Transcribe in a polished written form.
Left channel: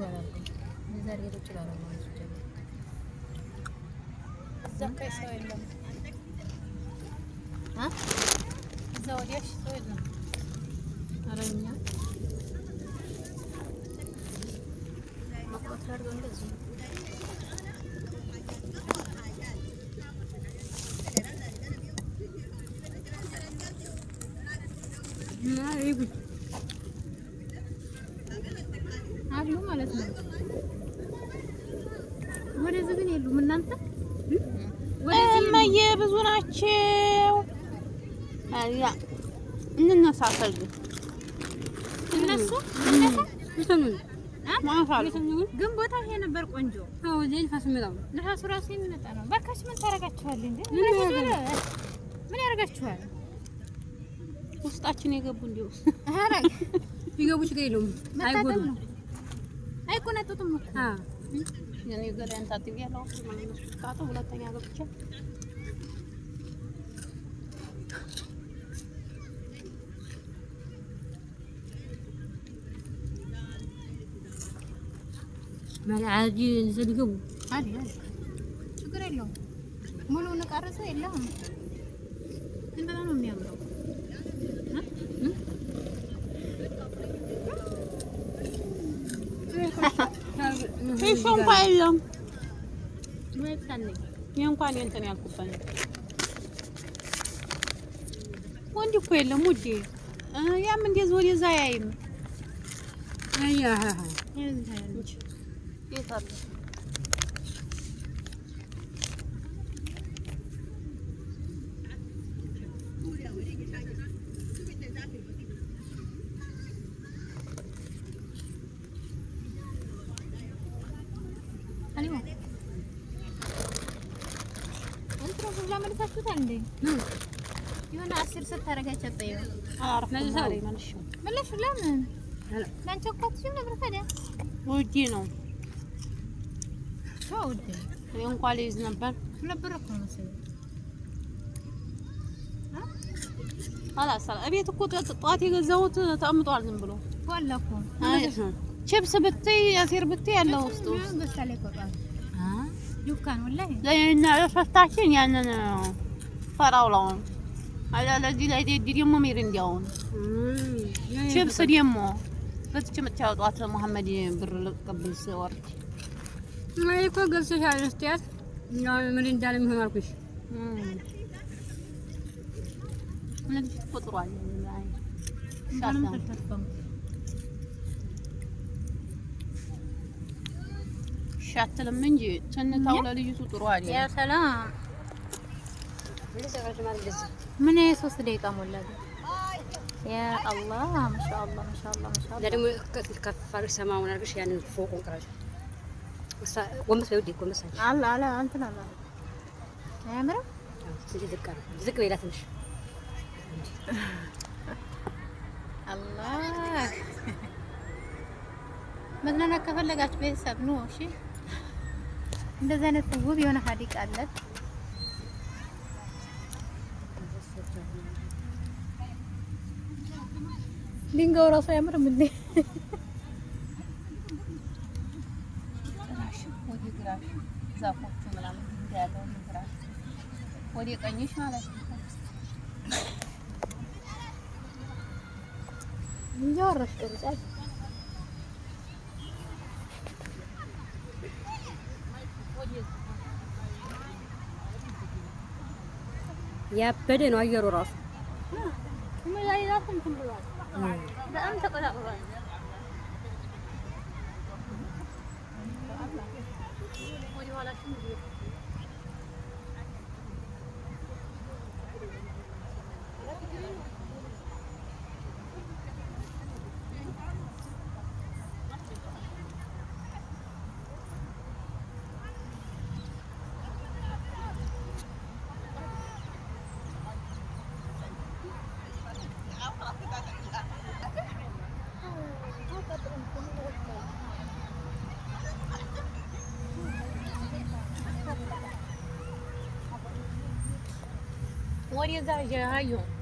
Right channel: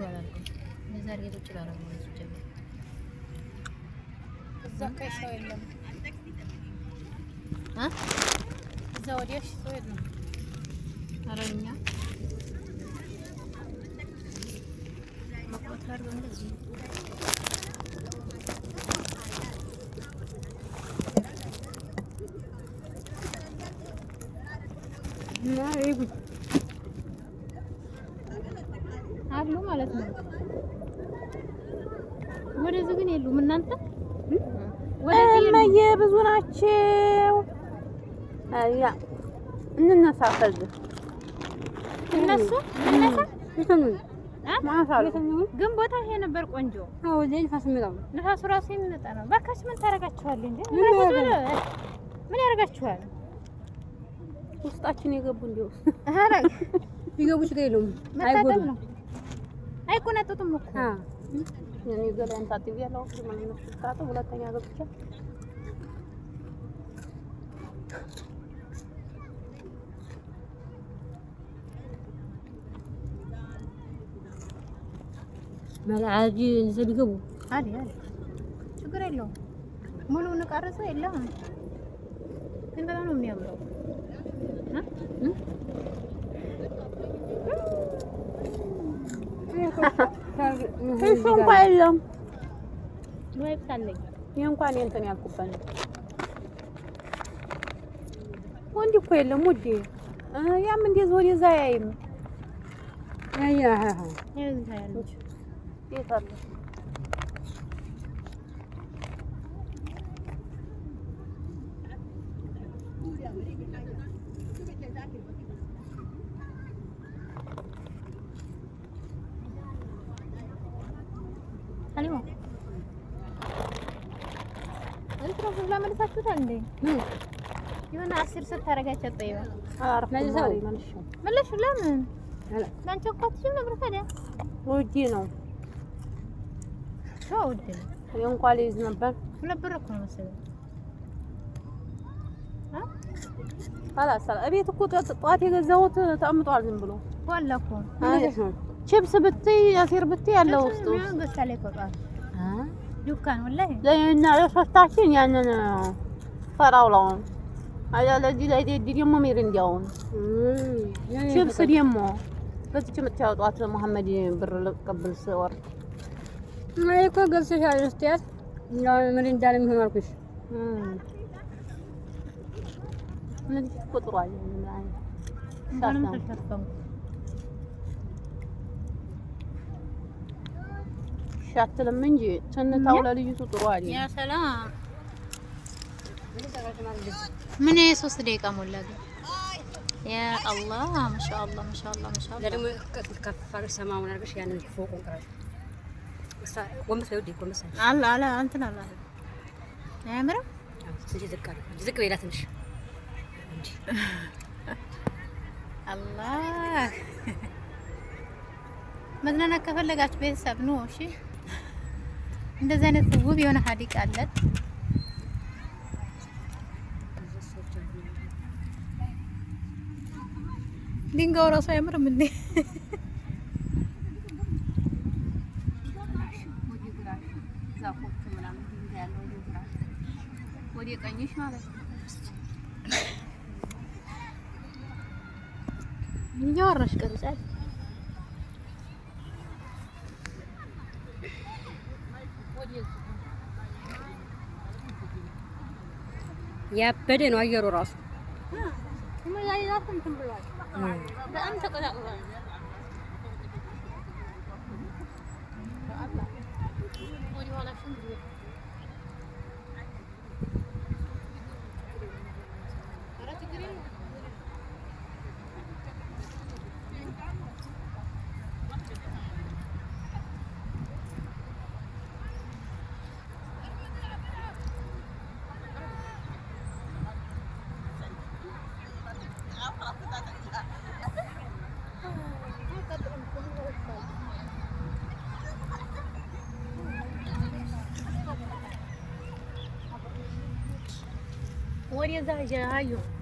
አላልኩም። ዛሬ ሄደች ባላል ነው ጀመረ እዛ ከሰው የለም እዛ ወዲያ ሰው የለም። ኧረ እኛ መቆጣት አድርገው እንደዚህ አሉ ማለት ነው። ወደዚህ ግን የሉም። እናንተ ወደዚህ ብዙ ናቸው። አያ እንነሳ ከዚህ እነሱ ግን ቦታ ይሄ ነበር ቆንጆ። ነፋሱ እራሱ የሚመጣ ነው። እባካችሁ ምን ታደርጋችኋል እንዴ? ምን ያደርጋችኋል? ውስጣችን የገቡ እንዲያው አረ ይገቡ ችግር የለውም። አይጎዱም፣ አይቆነጥጡም እኮ እኔ ገላን ታጥቢያለሁ። መስካቱ ሁለተኛ ገብቼ ማለአጂ ዘልገቡ አይደል? ችግር የለውም። ሙሉውን ቀርጸው የለም ግን በጣም ነው የሚያምረው። እሱ እንኳን የለም ወይ ታለኝ ይሄ እንኳን እንትን ያልኩበት ወንድ እኮ የለም ውዴ። ያም እንደዚህ ወደዛ ያይም ይታል የሆነ 10 ሰዓት ታረጋቸው ጠይው አርፍ ማሪ መልሽ ለምን ማንቸኮትሽም ነበር ታዲያ ውጪ ነው ሾውዴ እንኳን ልይዝ ነበር እኮ መሰለኝ አላሰራ እቤት እኮ ጧት የገዛሁት ተቀምጧል ዝም ብሎ ዋላኮ ቺፕስ ብትይ አሲር ብትይ ያለው ውስጥ በሳለ ይቆጣል ዱካን ወላሂ ለእና ለፈታችን ያንን ፈራውላውን አላለዚ ላይ ደግሞ ሚሪንዳው ቺፕስ ደግሞ በትች የምታወጧት መሐመድ ብር ልቀበል ስወርድ እኔ እኮ ገብተሻል እስቲያት ነው ሚሪንዳ ለምሆንኩሽ ምን ትቆጥሯል ምን ተፈተም ሻትልም እንጂ ተንታው ለልጅቱ ጥሩ አይደል? ያ ሰላም ምን 3 ደቂቃ ሞላ ግን ያ አላህ ማሻአላህ ማሻአላህ ማሻአላህ ለደሞ ከፈር ሰማውን አርግሽ ያንን ፎቁን ቀራሽ ወምስ ይወዲ ወምስ አላ አላ እንትን አላ ያምራ ዝቅ በላ ትንሽ አላህ መዝናናት ከፈለጋችሁ ቤተሰብ ነው። እሺ እንደዚህ አይነት ውብ የሆነ ሀዲቅ አለት። ድንጋዩ ራሱ አያምርም እንዴ? ወደ ቀኝሽ ማለት ነው። እያወራሽ ቀርጻል ያበደ ነው አየሩ ራሱ ላይ ራሱ እንትን ብሏል። በጣም ተቀላቅሏል። ወዲ ኋላ ሽም What is that? Yeah, you.